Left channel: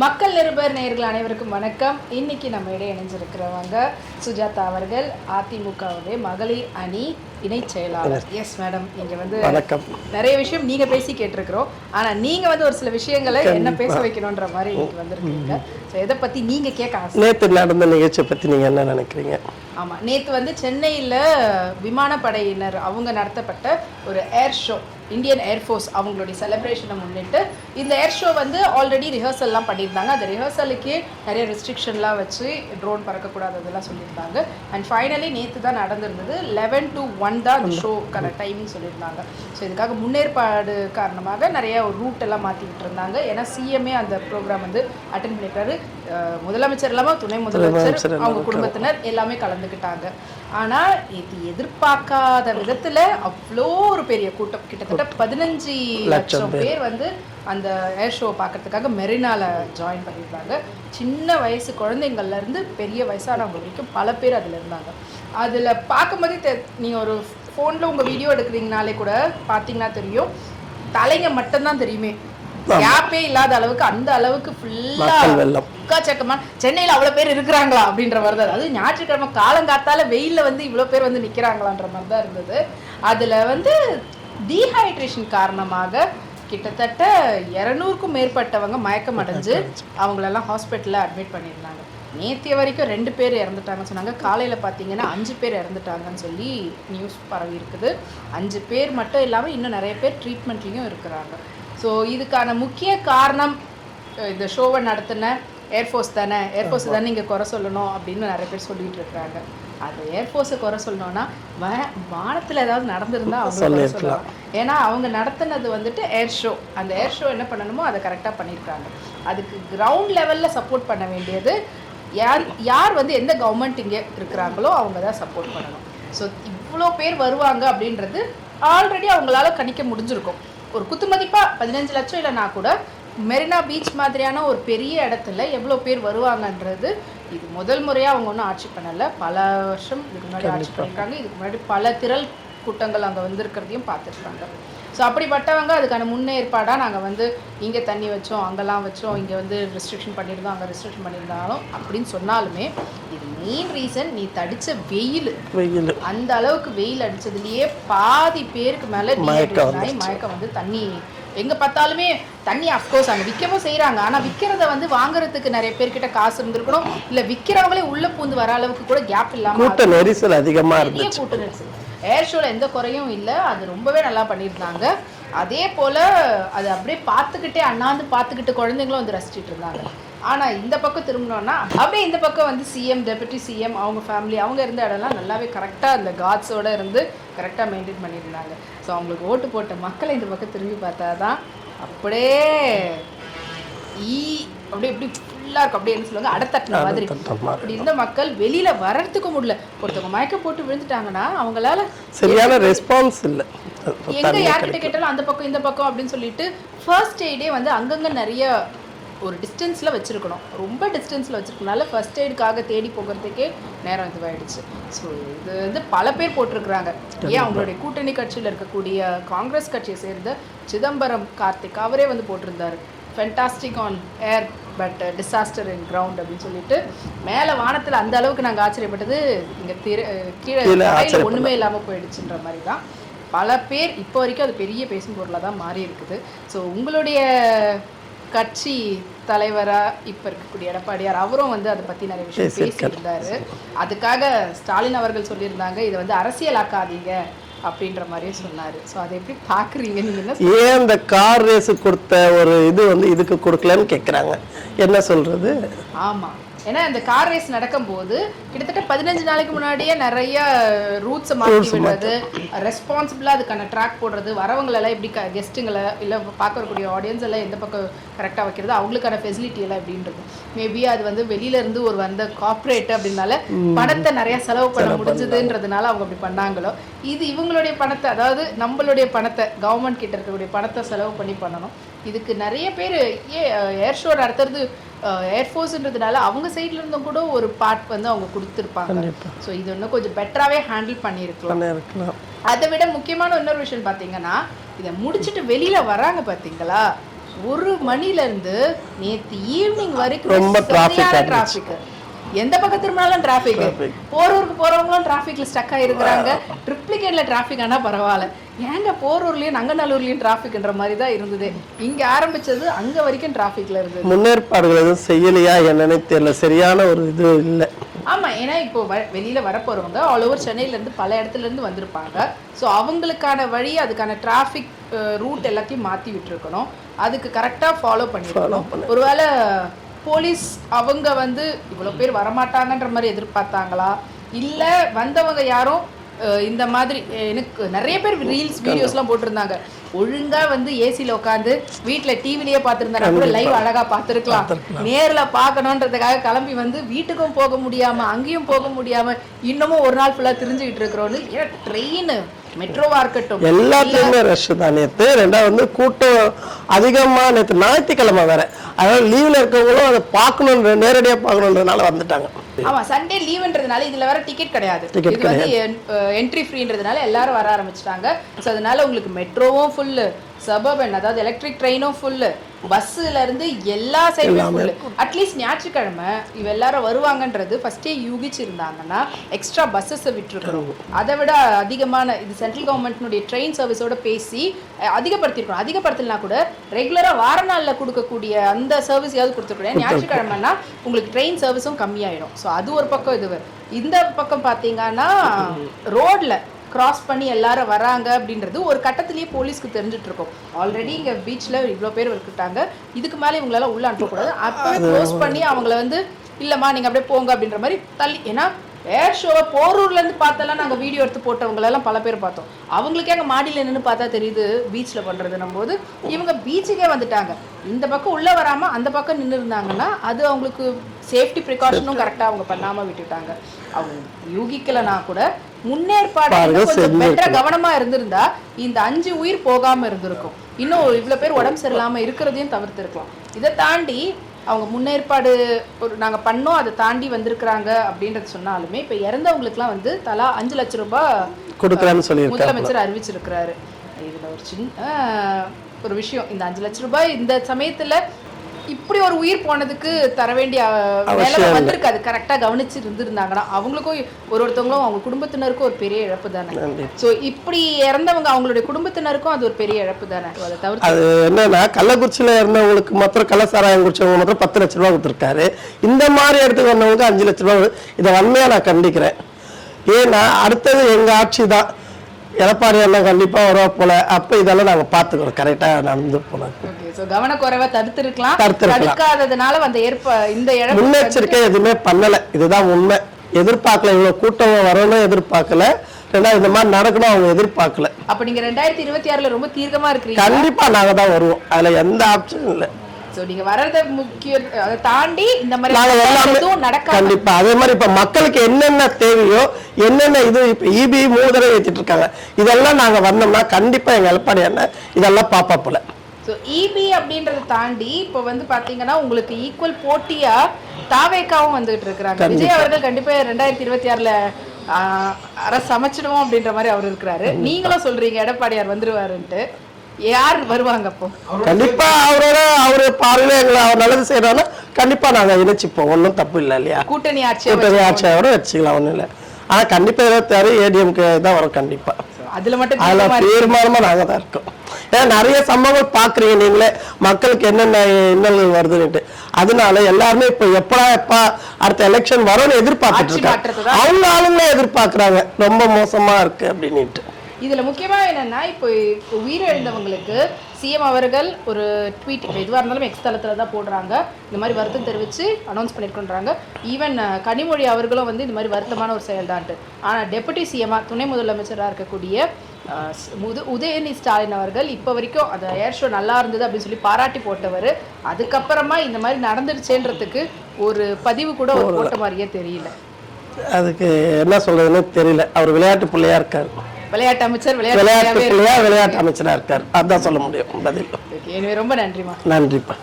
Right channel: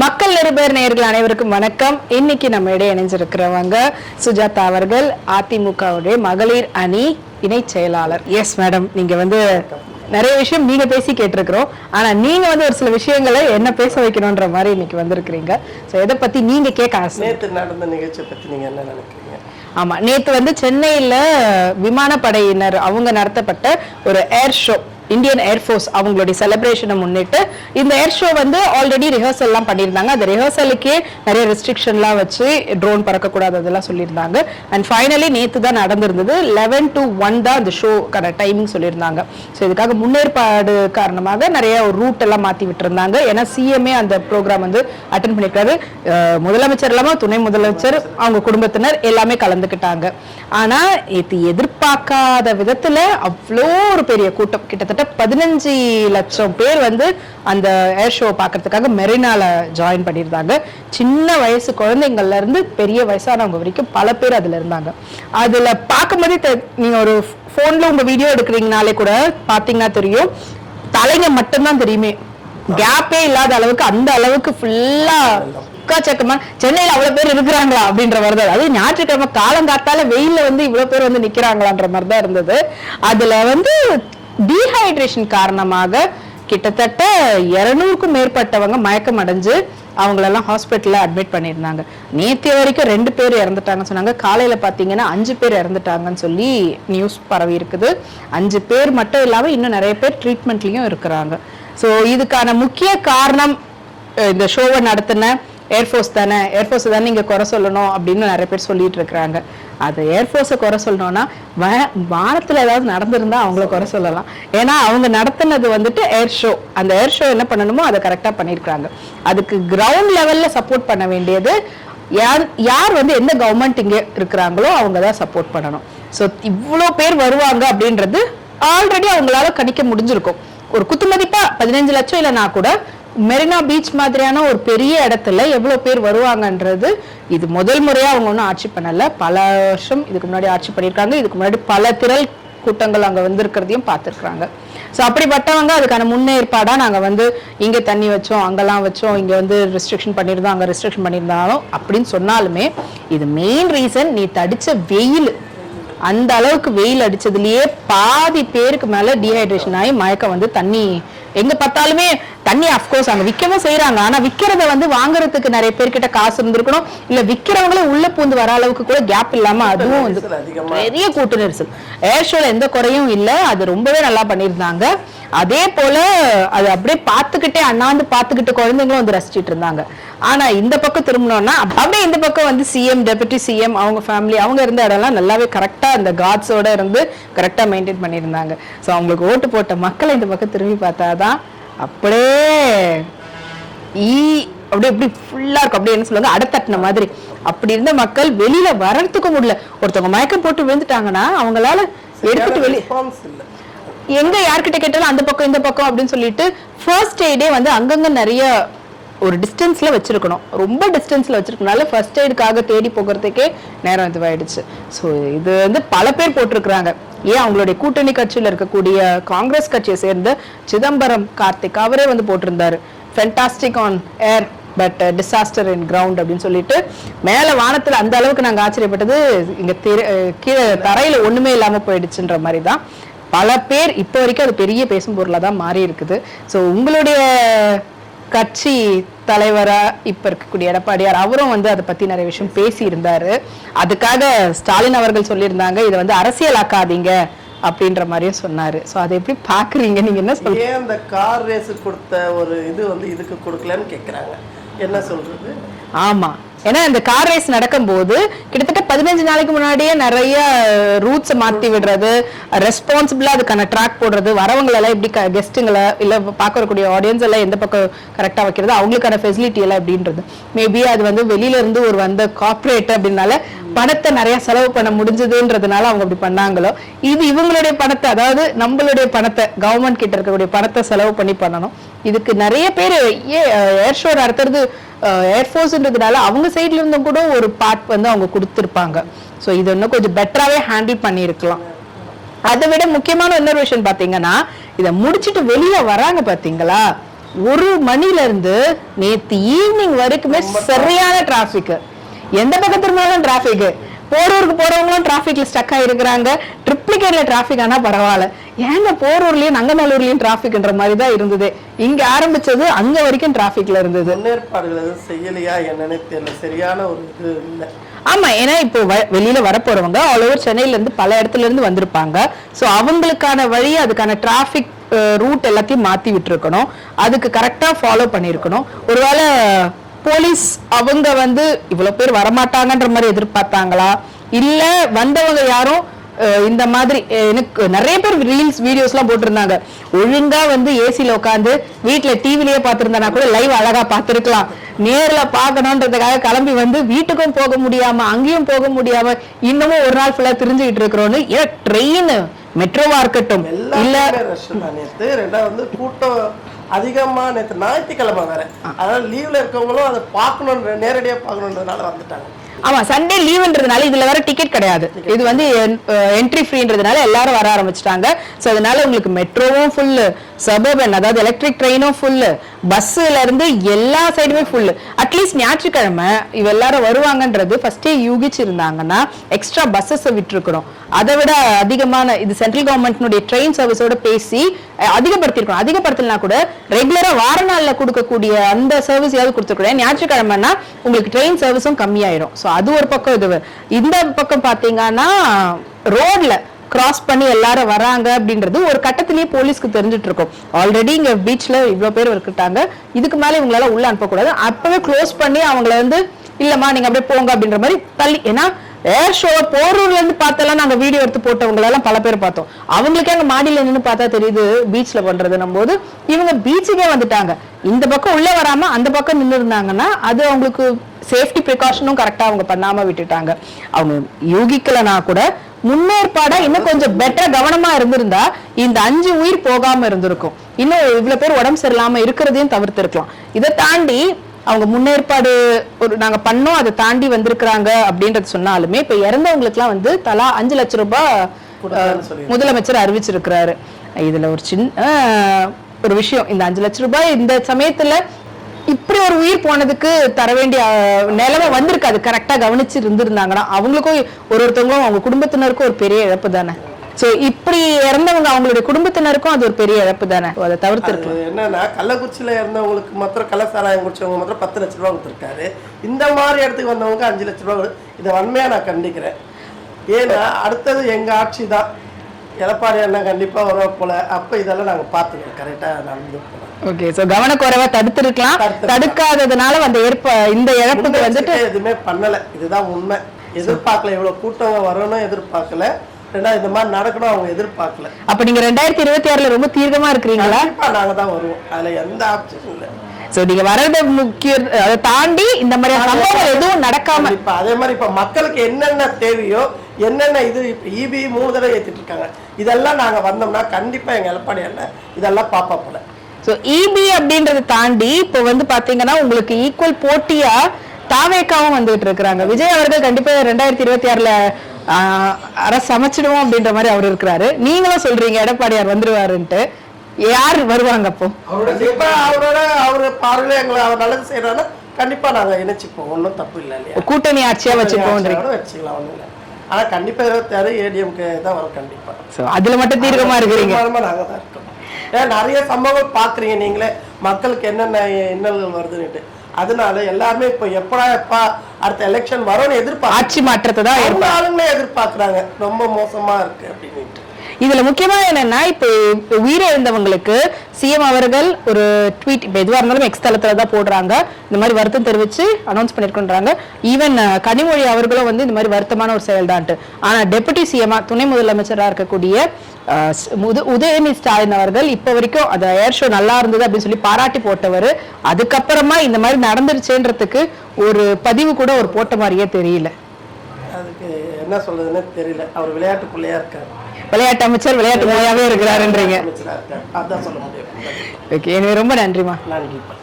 மக்கள் நிருபர் நேயர்கள் அனைவருக்கும் வணக்கம். இன்னைக்கு நம்ம இடையே இணைஞ்சிருக்கிறவங்க சுஜாதா அவர்கள் அதிமுகவுடைய மகளிர் அணி இணை செயலாளர். எஸ் மேடம் நீங்க வந்து நிறைய விஷயம் நீங்க பேசி கேட்டிருக்கிறோம். ஆனா நீங்க வந்து ஒரு சில விஷயங்களை என்ன பேச வைக்கணும்ன்ற மாதிரி இன்னைக்கு வந்திருக்கிறீங்க. சோ எதை பத்தி நீங்க கேட்க நேத்து நடந்த நிகழ்ச்சியை பத்தி நீங்க என்ன நினைக்கிறீங்க? ஆமா. நேத்து வந்து சென்னையில விமானப்படையினர் அவங்க நடத்தப்பட்ட ஒரு ஏர் ஷோ இந்தியன் ஏர்ஃபோர்ஸ் அவங்களுடைய செலிப்ரேஷனை முன்னிட்டு இந்த ஏர் ஷோ வந்து ஆல்ரெடி ரிஹர்சல் எல்லாம் பண்ணியிருந்தாங்க. அந்த ரிஹர்சலுக்கே நிறைய ரெஸ்ட்ரிக்ஷன்லாம் வச்சு ட்ரோன் பறக்கக்கூடாது அதெல்லாம் சொல்லியிருந்தாங்க. அண்ட் ஃபைனலி நேத்து தான் நடந்திருந்தது. லெவன் டு ஒன் தான் அந்த ஷோக்கான டைமிங் சொல்லியிருந்தாங்க. ஸோ இதுக்காக முன்னேற்பாடு காரணமாக நிறைய ரூட் எல்லாம் மாத்தி விட்டுருந்தாங்க. ஏன்னா சிஎம்ஏ அந்த ப்ரோக்ராம் வந்து அட்டன் பண்ணிருக்காரு அஹ் முதலமைச்சர் இல்லாம துணை முதலமைச்சர். அவங்க குடும்பத்தினர் எல்லாமே கலந்துக்கிட்டாங்க. ஆனா இது எதிர்பார்க்காத விதத்துல அவ்வளோ ஒரு பெரிய கூட்டம் கிட்டத்தட்ட பதினஞ்சு லட்சம் பேர் வந்து அந்த ஏர் ஷோ பார்க்கறதுக்காக மெரினால ஜாயின் பண்ணியிருந்தாங்க. சின்ன வயசு குழந்தைங்கள்ல இருந்து பெரிய வயசானவங்க வரைக்கும் பல பேர் அதுல இருந்தாங்க. அதுல பார்க்கும்போதே நீங்க ஒரு போன்ல உங்க வீடியோ எடுக்கிறீங்கனாலே கூட பாத்தீங்கன்னா தெரியும். தலைங்க மட்டும்தான் தெரியுமே. கேப்பே இல்லாத அளவுக்கு அந்த அளவுக்கு ஃபுல்லா. எக்கச்சக்கமா சென்னையில அவ்வளவு பேர் இருக்கிறாங்களா? அப்படின்ற மாதிரி தான். அது ஞாயிற்றுக்கிழமை காலங்காத்தால வெயில்ல வந்து இவ்வளவு பேர் வந்து நிக்கிறாங்களான்ற மாதிரி தான் இருந்தது. அதுல வந்து டீஹைட்ரேஷன் காரணமாக கிட்டத்தட்ட இருநூறுக்கும் மேற்பட்டவங்க மயக்கம் அடைஞ்சு அவங்களெல்லாம் ஹாஸ்பிட்டலில் அட்மிட் பண்ணியிருந்தாங்க. நேற்று வரைக்கும் ரெண்டு பேர் இறந்துட்டாங்கன்னு சொன்னாங்க. காலையில் பார்த்தீங்கன்னா அஞ்சு பேர் இறந்துட்டாங்கன்னு சொல்லி நியூஸ் பரவி இருக்குது. அஞ்சு பேர் மட்டும் இல்லாமல் இன்னும் நிறைய பேர் ட்ரீட்மெண்ட்லேயும் இருக்கிறாங்க. ஸோ இதுக்கான முக்கிய காரணம் இந்த ஷோவை நடத்தின ஏர்ஃபோர்ஸ் தானே? ஏர்ஃபோர்ஸ் தானே நீங்கள் குறை சொல்லணும் அப்படின்னு நிறைய பேர் சொல்லிட்டு இருக்கிறாங்க. அது ஏர்ஃபோர்ஸை குறை சொல்லணும்னா வானத்துல ஏதாவது நடந்திருந்தா அவங்கள குறை சொல்லலாம். ஏன்னா அவங்க நடத்தினது வந்துட்டு ஏர் ஷோ அந்த ஏர் ஷோ என்ன பண்ணணுமோ அதை கரெக்டா பண்ணியிருக்காங்க அதுக்கு கிரவுண்ட் லெவல்ல சப்போர்ட் பண்ண வேண்டியது யார் யார் வந்து எந்த கவர்மெண்ட் இங்க இருக்கிறாங்களோ அவங்க தான் சப்போர்ட் பண்ணணும். ஸோ இவ்வளோ பேர் வருவாங்க அப்படின்றது ஆல்ரெடி அவங்களால கணிக்க முடிஞ்சிருக்கும். ஒரு குத்துமதிப்பா பதினஞ்சு லட்சம் இல்லைனா கூட மெரினா பீச் மாதிரியான ஒரு பெரிய இடத்துல எவ்வளவு பேர் வருவாங்கன்றது இது முதல் முறையா அவங்க ஒன்றும் ஆட்சி பண்ணல. பல வருஷம் இதுக்கு முன்னாடி ஆட்சி பண்ணியிருக்காங்க. இதுக்கு முன்னாடி பல திரள் கூட்டங்கள் அங்க வந்திருக்கிறதையும் பார்த்திருக்காங்க ஸோ அப்படிப்பட்டவங்க அதுக்கான முன்னேற்பாடா நாங்க வந்து இங்க தண்ணி வச்சோம் அங்கெல்லாம் வச்சோம் இங்க வந்து ரெஸ்ட்ரிக்ஷன் பண்ணியிருந்தோம் அங்க ரெஸ்ட்ரிக்ஷன் பண்ணியிருந்தாலும் அப்படின்னு சொன்னாலுமே இது மெயின் ரீசன் நீ தடிச்ச வெயில். வெயில். அந்த அளவுக்கு வெயில் அடிச்சதுலயே பாதி பேருக்கு மேல டீஹைட்ரேஷன் ஆகி மயக்கம் வந்து தண்ணி எங்க பார்த்தாலுமே தண்ணி அப்கோர்ஸ் அங்க விற்கவும் செய்யறாங்க ஆனா விக்கிறத வந்து வாங்குறதுக்கு நிறைய பேர்கிட்ட காசு இருந்திருக்கணும். இல்ல விக்கிறவங்களே உள்ள பூந்து வர அளவுக்கு கூட கேப் இல்லாம நெரிசல் அதிகமா பெரிய கூட்ட நெரிசல். ஏர் ஷோல எந்த குறையும் இல்ல. அது ரொம்பவே நல்லா பண்ணியிருந்தாங்க. அதே போல அது அப்படியே பார்த்துக்கிட்டே அண்ணாந்து பார்த்துக்கிட்டு குழந்தைங்களும் வந்து ரசிச்சிட்டு இருந்தாங்க. ஆனா இந்த பக்கம் திரும்பினோம்னா அப்படியே இந்த பக்கம் வந்து சிஎம் டெபுட்டி சிஎம் அவங்க ஃபேமிலி அவங்க இருந்த இடம்லாம் நல்லாவே கரெக்டா அந்த காட்ஸோட இருந்து கரெக்டா மெயின்டைன் பண்ணியிருந்தாங்க. ஸோ அவங்களுக்கு ஓட்டு போட்ட மக்களை இந்த பக்கம் திரும்பி பார்த்தாதான் அப்படியே ஈ அப்படியே இப்படி ஃபுல்லா இருக்கும். அப்படியே என்ன சொல்லுவாங்க? அடத்தட்டின மாதிரி. அப்படி இருந்த மக்கள் வெளியில வரத்துக்கு முடியல. ஒருத்தவங்க மயக்கம் போட்டு விழுந்துட்டாங்கன்னா அவங்களால சரியான ரெஸ்பான்ஸ் இல்ல. எங்க யார்கிட்ட கேட்டாலும் அந்த பக்கம் இந்த பக்கம் அப்படின்னு சொல்லிட்டு ஃபர்ஸ்ட் எய்டே வந்து அங்கங்க நிறைய ஒரு டிஸ்டன்ஸ்ல வச்சிருக்கணும். ரொம்ப டிஸ்டன்ஸ்ல வச்சிருக்கனால ஃபர்ஸ்ட் எய்டுக்காக தேடி போகிறதுக்கே நேரம் இதுவாயிடுச்சு. ஸோ இது வந்து பல பேர் போட்டிருக்கிறாங்க. ஏன் அவங்களுடைய கூட்டணி கட்சியில இருக்கக்கூடிய காங்கிரஸ் கட்சியை சேர்ந்த சிதம்பரம் கார்த்திக் அவரே வந்து போட்டிருந்தாரு. Fantastic on air but disaster in ground அப்படின்னு சொல்லிட்டு மேல வானத்துல அந்த அளவுக்கு நாங்க ஆச்சரியப்பட்டது. இங்க கீழே தரையில ஒண்ணுமே இல்லாம போயிடுச்சுன்ற மாதிரி தான் பல பேர் இப்போ வரைக்கும் அது பெரிய பேசும் பொருளா தான் மாறி இருக்குது ஸோ உங்களுடைய கட்சி தலைவரா இப்ப இருக்கக்கூடிய எடப்பாடியார் அவரும் வந்து அதை பத்தி நிறைய விஷயம் பேசி இருந்தாரு அதுக்காக ஸ்டாலின் அவர்கள் சொல்லியிருந்தாங்க இதை வந்து அரசியலாக்காதீங்க அப்படின்ற மாதிரியும் சொன்னாரு. சோ அதை எப்படி பாக்குறீங்க? நீங்க என்ன? ஏன் அந்த கார் ரேஸ் கொடுத்த ஒரு இது வந்து இதுக்கு கொடுக்கலன்னு கேக்குறாங்க. என்ன சொல்றது? ஆமா. ஏன்னா இந்த கார் ரேஸ் நடக்கும்போது கிட்டத்தட்ட பதினஞ்சு நாளைக்கு முன்னாடியே நிறைய ரூட்ஸ் மாத்தி விடுறது ரெஸ்பான்சிபிளா அதுக்கான ட்ராக் போடுறது வரவங்களை எல்லாம் எப்படி கெஸ்ட்டுங்களை இல்ல பார்க்க வரக்கூடிய ஆடியன்ஸ் எல்லாம் எந்த பக்கம் கரெக்டா வைக்கிறது அவங்களுக்கான ஃபெசிலிட்டி எல்லாம் எப்படின்றது. மேபி அது வந்து வெளியில இருந்து ஒரு வந்த கார்ப்பரேட் அப்படின்னால பணத்தை நிறைய செலவு பண்ண முடிஞ்சதுன்றதுனால அவங்க அப்படி பண்ணாங்களோ இது இவங்களுடைய பணத்தை அதாவது நம்மளுடைய பணத்தை கவர்மெண்ட் கிட்ட இருக்கக்கூடிய பணத்தை செலவு பண்ணி பண்ணணும். இதுக்கு நிறைய பேர் ஏர் ஷோ நடத்துறது ஏர்ஃபோர்ஸ்ன்றதுனால அவங்க சைடுல இருந்தும் கூட ஒரு பார்ட் வந்து அவங்க கொடுத்துருப்பாங்க. சோ இது இன்னும் கொஞ்சம் பெட்டராவே ஹேண்டில் பண்ணியிருக்கலாம். அதை விட முக்கியமான இன்னொரு விஷயம் பாத்தீங்கன்னா இத முடிச்சிட்டு வெளியில வராங்க பாத்தீங்களா? ஒரு மணில இருந்து நேத்து ஈவினிங் வரைக்குமே சரியான traffic. டிராபிக் எந்த பக்கம் திரும்பினாலும் டிராபிக் போறவருக்கு போறவங்களும் டிராபிக்ல ஸ்டக் ஆயிருக்கிறாங்க. ட்ரிப்ளிகேட்ல டிராபிக் ஆனா பரவாயில்ல. ஏங்க போறூர்லயும் நங்கநல்லூர்லயும் டிராபிக்ன்ற மாதிரி தான் இருந்தது. இங்க ஆரம்பிச்சது அங்க வரைக்கும் டிராபிக்ல இருந்தது. முன்னேற்பாடுகள் எதுவும் செய்யலையா என்னன்னு தெரியல. சரியான ஒரு இது இல்லை. ஆமா ஏன்னா இப்போ வெளியில வரப்போறவங்க ஆல் ஓவர் சென்னையில இருந்து பல இடத்துல இருந்து வந்திருப்பாங்க. சோ அவங்களுக்கான வழி அதுக்கான டிராபிக் ரூட் எல்லாத்தையும் மாத்தி விட்டுருக்கணும். அதுக்கு கரெக்டா ஃபாலோ பண்ணிருக்கணும். ஒருவேளை போலீஸ் அவங்க வந்து இவ்வளவு பேர் வரமாட்டாங்கன்ற மாதிரி எதிர்பார்த்தாங்களா? இல்ல வந்தவங்க யாரும் இந்த மாதிரி எனக்கு நிறைய பேர் ரீல்ஸ் வீடியோஸ் எல்லாம் போட்டிருந்தாங்க. ஒழுங்கா வந்து ஏசில உட்காந்து வீட்டுல டிவிலயே பாத்திருந்தா கூட லைவ் அழகா பாத்திருக்கலாம் நேர்ல பாக்கணும்ன்றதுக்காக கிளம்பி வந்து வீட்டுக்கும் போக முடியாம அங்கேயும் போக முடியாம இன்னமும் ஒரு நாள் ஃபுல்லா தெரிஞ்சுக்கிட்டு இருக்கிறோன்னு. ஏன் ட்ரெயின் மெட்ரோவா இருக்கட்டும். எல்லாத்துக்குமே ரஷ் தான் நேத்து. ரெண்டாவது வந்து கூட்டம் அதிகமா நேத்து ஞாயிற்றுக்கிழமை வேற. அதனால லீவ்ல இருக்கவங்களும் அதை பார்க்கணுன்ற நேரடியா பார்க்கணுன்றதுனால வந்துட்டாங்க. ஆமா சண்டே லீவ்ன்றதுனால இதுல வேற டிக்கெட் கிடையாது. இது வந்து என்ட்ரி ஃப்ரீன்றதுனால எல்லாரும் வர ஆரம்பிச்சிட்டாங்க. சோ அதனால உங்களுக்கு மெட்ரோவும் ஃபுல் சபர்பன் அதாவது எலக்ட்ரிக் ட்ரெயினும் ஃபுல் பஸ்ல இருந்து எல்லா சைடுமே ஃபுல் அட்லீஸ்ட் ஞாயிற்றுக்கிழமை இவ எல்லாரும் வருவாங்கன்றது ஃபர்ஸ்டே யூகிச்சிருந்தாங்கன்னா எக்ஸ்ட்ரா பஸ்ஸஸ் விட்டுருக்கணும். அதை விட அதிகமான இது சென்ட்ரல் கவர்மெண்ட்னுடைய ட்ரெயின் சர்வீஸோட பேசி அஹ், அதிகப்படுத்திருக்கணும். அதிகப்படுத்தலனா கூட ரெகுலரா வார நாள்ல கொடுக்கக்கூடிய அந்த சர்வீஸ் யாவது கொடுத்துருக்கணும். ஞாயிற்றுக்கிழமைனா உங்களுக்கு ட்ரெயின் சர்வீஸும் கம்மியாயிடும் சோ அது ஒரு பக்கம் இது. இந்த பக்கம் பாத்தீங்கன்னா ரோட்ல கிராஸ் பண்ணி எல்லாரும் வராங்க அப்படின்றது ஒரு கட்டத்திலேயே போலீஸ்க்கு தெரிஞ்சிட்டு இருக்கும் ஆல்ரெடி இங்க பீச்ல இவ்வளவு பேர் இருக்கிட்டாங்க. இதுக்கு மேல இவங்களால உள்ள அனுப்பக்கூடாது. அப்பவே க்ளோஸ் பண்ணி அவங்கள வந்து இல்லம்மா நீங்க அப்படியே போங்க அப்படின்ற மாதிரி தள்ளி. ஏன்னா ஏர் ஷோ போரூர்ல இருந்து பார்த்தெல்லாம் நாங்க வீடியோ எடுத்து போட்டவங்க எல்லாம் பல பேர் பார்த்தோம். அவங்களுக்கே அங்க மாடியில நின்னு பார்த்தா தெரியுது பீச்ல பண்றதுன்னும் போது இவங்க பீச்சுக்கே வந்துட்டாங்க. இந்த பக்கம் உள்ள வராம அந்த பக்கம் நின்னு இருந்தாங்கன்னா அது அவங்களுக்கு சேஃப்டி ப்ரிகாஷனும் கரெக்டா அவங்க பண்ணாம விட்டுட்டாங்க. அவங்க யோகிக்கலனா கூட முன்னேற்பாடு இன்னும் கொஞ்சம் பெட்டரா கவனமா இருந்திருந்தா இந்த அஞ்சு உயிர் போகாம இருந்திருக்கும். இன்னும் இவ்வளவு பேர் உடம்பு சரியில்லாம இருக்கிறதையும் தவிர்த்திருக்கலாம். இதை தாண்டி அவங்க முன்னேற்பாடு ஒரு நாங்க பண்ணோம் அதை தாண்டி வந்திருக்கிறாங்க அப்படின்றது சொன்னாலுமே இப்ப இறந்தவங்களுக்கு எல்லாம் வந்து தலா அஞ்சு லட்சம் ரூபாய் கொடுக்கலாம்னு சொல்லியிருக்காங்க. முதலமைச்சர் அறிவிச்சிருக்கிறாரு இதுல ஒரு சின்ன ஒரு விஷயம் இந்த அஞ்சு லட்சம் ரூபாய் இந்த சமயத்துல இப்படி ஒரு உயிர் போனதுக்கு தர வேண்டிய நிலைமை வந்திருக்காது. கரெக்டா கவனிச்சு இருந்திருந்தாங்கன்னா அவங்களுக்கும் ஒரு ஒருத்தவங்களும் அவங்க குடும்பத்தினருக்கும் ஒரு பெரிய இழப்பு தானே? சோ இப்படி இறந்தவங்க அவங்களுடைய குடும்பத்தினருக்கும் அது ஒரு பெரிய இழப்பு தானே? அதை தவிர்த்து என்னன்னா கள்ளக்குறிச்சியில இருந்தவங்களுக்கு மாத்திரம் கள்ளசாராயம் குடிச்சவங்க மாத்திரம் பத்து லட்ச ரூபா கொடுத்துருக்காரு. இந்த மாதிரி இடத்துக்கு வந்தவங்க அஞ்சு லட்ச ரூபா இதை வன்மையா நான் கண்டிக்கிறேன். ஏன்னா அடுத்தது எங்க ஆட்சி தான். எடப்பாடி அண்ணன் கண்டிப்பா வருவா போல. அப்ப இதெல்லாம் நாங்க பாத்துக்கிறோம் கரெக்டா நடந்து போல ஓகே சோ கவனக்குறைவா தடுத்திருக்கலாம். தடுக்காததுனால அந்த ஏற்ப இந்த இழப்பு முன்னெச்சரிக்கை எதுவுமே பண்ணல. இதுதான் உண்மை. எதிர்பார்க்கல. இவ்வளவு கூட்டம் வரணும்னு எதிர்பார்க்கல. ரெண்டாவது இந்த மாதிரி நடக்கணும் அவங்க எதிர்பார்க்கல. அப்ப நீங்க ரெண்டாயிரத்தி இருபத்தி ஆறுல ரொம்ப தீர்க்கமா இருக்கிறீங்களா? கண்டிப்பா நாங்க தான் வருவோம். அதுல எந்த ஆப்ஷனும் இல்லை. சோ நீங்க வர்றது முக்கிய அதை தாண்டி இந்த மாதிரி எதுவும் நடக்காம கண்டிப்பா அதே மாதிரி இப்ப மக்களுக்கு என்னென்ன தேவையோ என்னென்ன இது இப்ப இபி மூணு தடவை இருக்காங்க இதெல்லாம் நாங்க வந்தோம்னா கண்டிப்பா எங்க எடப்பாடி அண்ணன் இதெல்லாம் பாப்பா போல. சோ இபி அப்படின்றத தாண்டி இப்போ வந்து பாத்தீங்கன்னா உங்களுக்கு ஈக்குவல் போட்டியா தாவேக்காவும் வந்துட்டு இருக்கிறாங்க. விஜய் அவர்கள் கண்டிப்பா ரெண்டாயிரத்தி இருபத்தி ஆறுல அரசு அமைச்சிடுவோம் அப்படின்ற மாதிரி அவர் இருக்கிறாரு. நீங்களும் சொல்றீங்க எடப்பாடியார் வந்துருவாருன்ட்டு. யார் வருவாங்க அப்போ? கண்டிப்பா அவரோட அவரு பார்வையில எங்களை அவர் நல்லது செய்யறாருன்னா கண்டிப்பா நாங்க இணைச்சிப்போம். ஒண்ணும் தப்பு இல்லை இல்லையா? கூட்டணி ஆட்சியா ஆட்சியோட வச்சுக்கலாம் ஒண்ணும் இல்லை. ஆனா கண்டிப்பா இருபத்தி ஆறு ஏடிஎம்கே தான் வரும் கண்டிப்பா. அதுல மட்டும் தீர்மானமா நாங்க தான் இருக்கோம். ஏன்னா நிறைய சம்பவங்கள் பாக்குறீங்க நீங்களே. மக்களுக்கு என்னென்ன இன்னல்கள் வருதுன்னுட்டு. அதனால எல்லாருமே இப்ப எப்படா எப்ப அடுத்த எலெக்ஷன் வரும்னு எதிர்பார்த்து ஆட்சி மாற்றத்தை தான் அவங்க ஆளுங்களே எதிர்பார்க்கறாங்க. ரொம்ப மோசமா இருக்கு அப்படின்னுட்டு. இதுல முக்கியமா என்னன்னா இப்ப உயிரை உயிரிழந்தவங்களுக்கு சிஎம் அவர்கள் ஒரு ட்வீட் எதுவாக எதுவா இருந்தாலும் எக்ஸ் தளத்துல தான் போடுறாங்க. இந்த மாதிரி வருத்தம் தெரிவிச்சு அனௌன்ஸ் பண்ணிருக்கின்றாங்க. ஈவன் கனிமொழி அவர்களும் வந்து இந்த மாதிரி வருத்தமான ஒரு செயல்தான்ட்டு. ஆனா டெபுட்டி சிஎம்ஆ துணை முதலமைச்சரா இருக்கக்கூடிய முது- உதயநிதி ஸ்டாலின் அவர்கள் இப்ப வரைக்கும் அந்த ஏர் ஷோ நல்லா இருந்தது அப்படின்னு சொல்லி பாராட்டி போட்டவர். அதுக்கப்புறமா இந்த மாதிரி நடந்துருச்சேன்றதுக்கு ஒரு பதிவு கூட ஒரு போட்ட மாதிரியே தெரியல. அதுக்கு என்ன சொல்றதுன்னு தெரியல. அவர் விளையாட்டு பிள்ளையா இருக்காரு. விளையாட்டு அமைச்சர் விளையாட்டு விளையாட்டு பிள்ளையாவே பிள்ளையா இருக்கிறாரு. விளையாட்டு அமைச்சரா இருக்காரு. அதான் சொல்ல முடியும். ஓகே ரொம்ப நன்றிமா நன்றிப்பா